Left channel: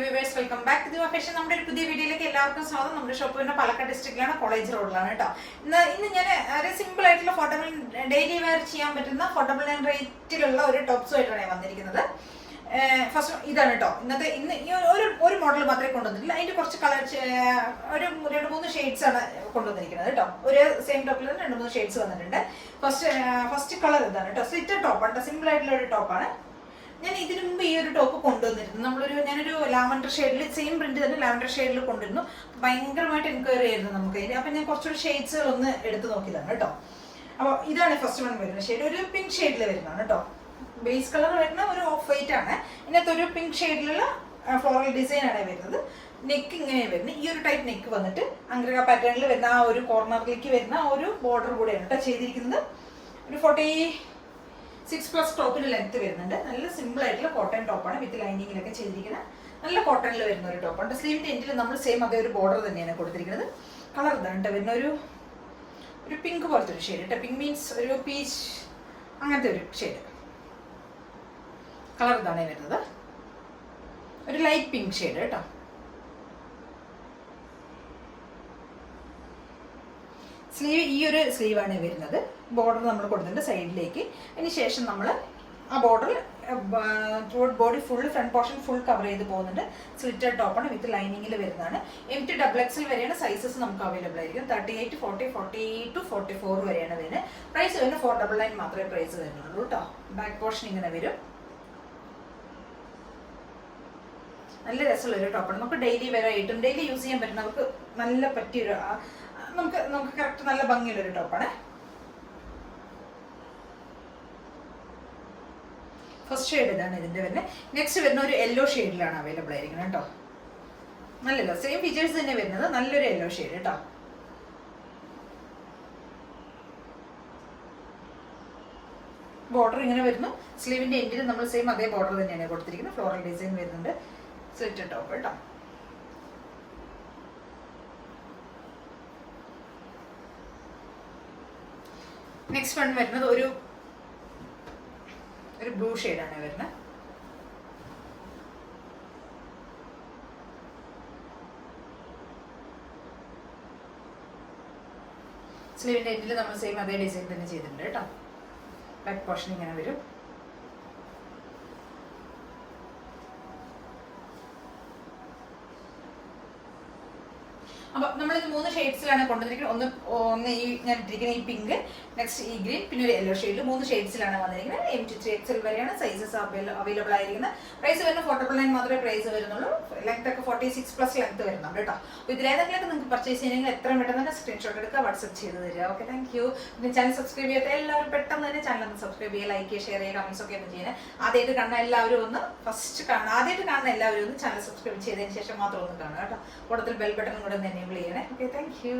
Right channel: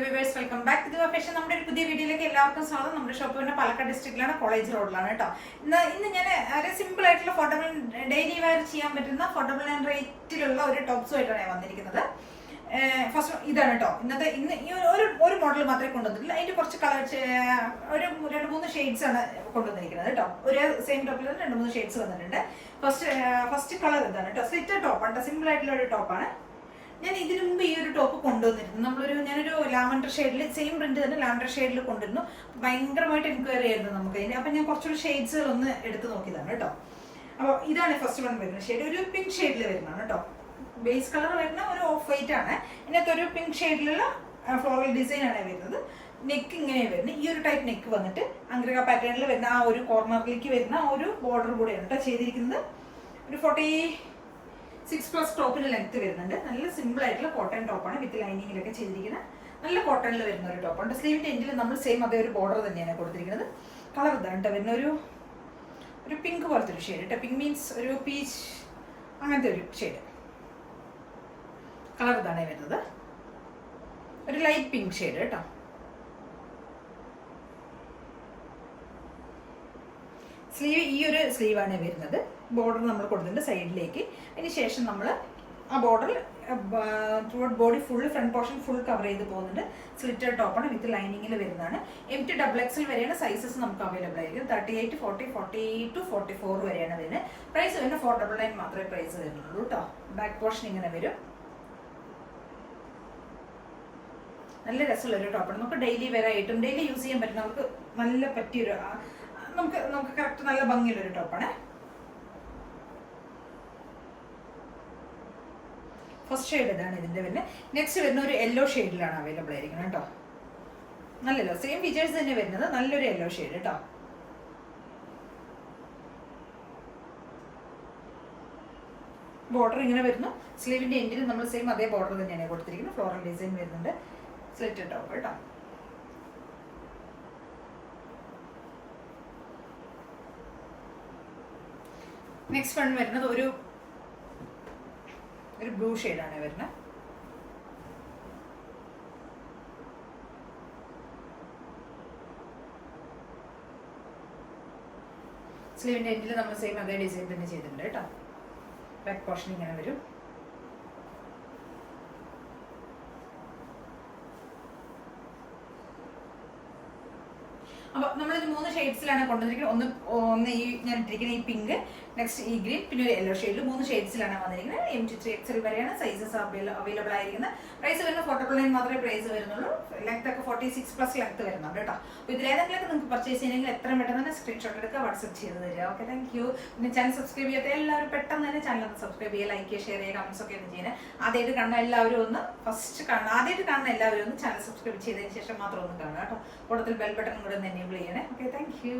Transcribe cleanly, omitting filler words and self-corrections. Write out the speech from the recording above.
Viewers, welcome back to fashion. നമ്മുടെ ഒരു പുതിയ വീഡിയോയിലേക്ക് എല്ലാവർക്കും സ്വാഗതം. നമ്മുടെ ഷോപ്പ് പിന്നെ പാലക്കാട് ഡിസ്ട്രിക്റ്റിലാണ്, കോളേജ് റോഡിലാണ് കേട്ടോ. ഇന്ന് ഞാൻ ഒരു സിമ്പിൾ ആയിട്ടുള്ള ഫോട്ടോബിൾ ഡെയിലി വെയർ ചെയ്യാൻ പറ്റുന്ന ഫോട്ടോബിൾ ആൻഡ് റേറ്റിലുള്ള ഒരു ടോപ്സുമായിട്ടാണ് ഞാൻ വന്നിരിക്കുന്നത്. ഫസ്റ്റ് ഇതാണ് കേട്ടോ. ഇന്ന് ഈ ഒരു മോഡൽ മാത്രമേ കൊണ്ടുവന്നിട്ടില്ല. അതിന്റെ കുറച്ച് കളർ ഒരു 2-3 ഷെയ്ഡ്സ് ആണ് കൊണ്ടുവന്നിരിക്കുന്നത് കേട്ടോ. ഒരു സെയിം ടോപ്പിൽ 2-3 ഷെയ്ഡ്സ് വന്നിട്ടുണ്ട്. ഫസ്റ്റ് കളർ ഇതാണ് കേട്ടോ. സ്ലിറ്റഡ് ടോപ്പാണ്, സിമ്പിൾ ആയിട്ടുള്ള ഒരു ടോപ്പാണ്. ഞാൻ ഇതിനു മുമ്പ് ഈ ഒരു ടോപ്പ് കൊണ്ടുവന്നിരുന്നു. ഞാനൊരു ലാവൻഡർ ഷെയ്ഡിൽ, സെയിം പ്രിന്റ് തന്നെ ലാവൻഡർ ഷെയ്ഡിൽ കൊണ്ടുവരുന്നു. ഭയങ്കരമായിട്ട് എൻക്വയറി ആയിരുന്നു നമുക്ക് ഇതിന്. അപ്പൊ ഞാൻ കുറച്ചൊരു ഷെയ്ഡ്സുകൾ ഒന്ന് എടുത്ത് നോക്കിയതാണ് കേട്ടോ. അപ്പോൾ ഇതാണ് ഫസ്റ്റ് വൺ വരുന്ന ഷെയ്ഡ്. ഒരു പിങ്ക് ഷെയ്ഡിൽ വരുന്നതാണ് കേട്ടോ. ബേസ് കളർ വരുന്ന ഒരു ഓഫ് വൈറ്റ് ആണ്. ഇതിനകത്ത് ഒരു പിങ്ക് ഷെയ്ഡിലുള്ള ഫ്ലോറൽ ഡിസൈൻ ആണ് വരുന്നത്. നെക്ക് ഇങ്ങനെ വരുന്നത്. ഈ ഒരു ടൈപ്പ് നെക്ക് വന്നിട്ട് അംഗ്രക പാറ്റേണിൽ വരുന്ന ആ ഒരു കോർണറിലേക്ക് വരുന്ന ഒരു ബോർഡർ കൂടെയാണ് കേട്ടോ ചെയ്തിരിക്കുന്നത്. ഒരു 46+ ടോപ്പിന് ലെങ്ത് വരുന്നുണ്ട്. നല്ല സിമ്പിൾ ആയിട്ടുള്ള കോട്ടൺ ടോപ്പാണ്, വിത്ത് ലൈനിങ്ങിലൊക്കെ ചെയ്തിരിക്കുന്നത്. നല്ല കോട്ടണിൽ വരുന്ന ഒരു ടോപ്പാണ്. സ്ലീവിന്റെ എൻഡിൽ നമ്മൾ സെയിം അതേ ഒരു ബോർഡർ തന്നെയാണ് കൊടുത്തിരിക്കുന്നത്. കളർ ഇതാണ് കേട്ടോ വരുന്ന ഒരു പിങ്ക് പോലത്തെ ഒരു ഷെയ്ഡ് കേട്ടോ. പിങ്ക് മീൻസ് ഒരു പീച്ച് അങ്ങനത്തെ ഒരു ഷെയ്ഡ്. കളർ ഇതാണ് വരുന്നത്. ഒരു ലൈറ്റ് പിങ്ക് ഷെയ്ഡ് കേട്ടോ. സ്ലീവ് ഈ ഒരു സ്ലീവാണ് വരുന്നത്. ബോർഡർ നമ്മൾ കൊടുത്തിട്ടുണ്ട് സൈഡിലേക്ക്. അതിന് ശേഷം നമ്മൾ ആ border body full, front portion full cover ചെയ്ത് പോകുന്നുണ്ട്. സ്ലിറ്റഡ് ടോപ്പാണ്, വിത്ത് ലൈനിങ്ങിൽ വരുന്നതാണ്. MT XXL വരെയാണ് സൈസസ് നമുക്ക് അവൈലബിൾ ആയിരിക്കും. 38, 40, 42, 44 വരെയാണ് വരുന്നത്. പ്രൈസ് വരുന്നത് 499 മാത്രമേ പ്രൈസ് വരുന്നുള്ളൂ കേട്ടോ. ബാക്ക് പോർഷൻ ഇങ്ങനെ വരും. നല്ല രസമുള്ള ഒരു ടോപ്പാണ്. നമുക്ക് ഡെയിലി വെയർ ആയിട്ടും ഡെയിലി യൂസ് ചെയ്യാൻ പറ്റും. നമുക്ക് നല്ല പറ്റിയൊരു നമുക്ക് കറക്റ്റ് നല്ല ഭംഗിയുള്ള ഒരു ടോപ്പാണ്. ഫസ്റ്റ് ഷെയ്ഡ് ഇതാണ് ഇതിന്റെ വരുന്നത്. നെക്സ്റ്റ് വരുന്ന ഒരു യെല്ലോ ഷെയ്ഡിലാണ് അവൈലബിൾ ആയിരിക്കുന്നത് കേട്ടോ. നല്ലല്ലോ, സെയിം ഫീച്ചേഴ്സ് തന്നെ വരുന്നത്. നല്ലൊരു യെല്ലോ ഷെയ്ഡ് കേട്ടോ. ബോർഡർ ഇങ്ങനെ വരുന്നു. സ്ലീവിന്റെ എൻഡിൽ നമ്മൾ സെയിം അതേ ബോർഡർ തന്നെയാണ് കൊടുത്തിരിക്കുന്നത്. ഫ്ലോറൽ ഡിസൈൻ വരുന്നുണ്ട്. സ്ലിറ്റഡ് ടോപ്പ് കേട്ടോ. നെക്സ്റ്റ് വൺ വരുന്നത് ഒരു ബ്ലൂ ഷെയ്ഡാണ് വരുന്നത്. സ്ലീവിന്റെ എൻഡിൽ നമ്മൾ സെയിം അതേ ഡിസൈൻ തന്നെ ചെയ്തിട്ടുണ്ട് കേട്ടോ. ബാക്ക് പോർഷൻ ഇങ്ങനെ വരും. അപ്പൊ നമ്മളിത് 3 ഷെയ്ഡ്സിലാണ് കൊണ്ടുവന്നിരിക്കുന്നത്. ഒന്ന് ഈ ഞാൻ ഇട്ടിരിക്കുന്ന ഈ പിങ്ക്, നെക്സ്റ്റ് ഈ ഗ്രീൻ, പിന്നെ ഒരു യെല്ലോ ഷെയ്ഡ്. 3 ഷെയ്ഡ്സിലാണ് വന്നിരിക്കുന്നത്. MT XXL വരെയാണ് സൈസസ് അവൈലബിൾ ആയിരിക്കുന്നത്. പ്രൈസ് വരുന്നത് 499 മാത്രമേ പ്രൈസ് വരുന്നുള്ളൂ. ലെങ്ത് ഒക്കെ 46+ ലെങ്ത് വരുന്നുണ്ട് കേട്ടോ. അപ്പോൾ ഇതിലേതെങ്കിലൊക്കെ നിങ്ങൾക്ക് പർച്ചേസ് ചെയ്യണമെങ്കിൽ എത്രയും പെട്ടെന്ന് തന്നെ സ്ക്രീൻഷോട്ട് എടുക്കുക, വാട്സ്ആപ്പ് ചെയ്ത് തരിക. Okay, thank you. പിന്നെ ചാനൽ സബ്സ്ക്രൈബ് ചെയ്യാത്ത എല്ലാവരും പെട്ടെന്ന് തന്നെ ചാനൽ ഒന്ന് സബ്സ്ക്രൈബ് ചെയ്യുക, ലൈക്ക് ചെയ്യുക, ഷെയർ ചെയ്യുക, കമന്റ്സ് ഒക്കെ ഒന്ന് ചെയ്യുന്നത്. ആദ്യമായിട്ട് കാണുന്ന എല്ലാവരും ഒന്ന് ആദ്യമായിട്ട് കാണുന്ന എല്ലാവരും ഒന്ന് ചാനൽ സബ്സ്ക്രൈബ് ചെയ്തതിന് ശേഷം മാത്രം ഒന്ന് കാണുക കേട്ടോ. കൂടുതൽ ബെൽ ബട്ടൺ കൂടെ ഒന്ന് എനേബിൾ ചെയ്യണേ. Okay, thank you.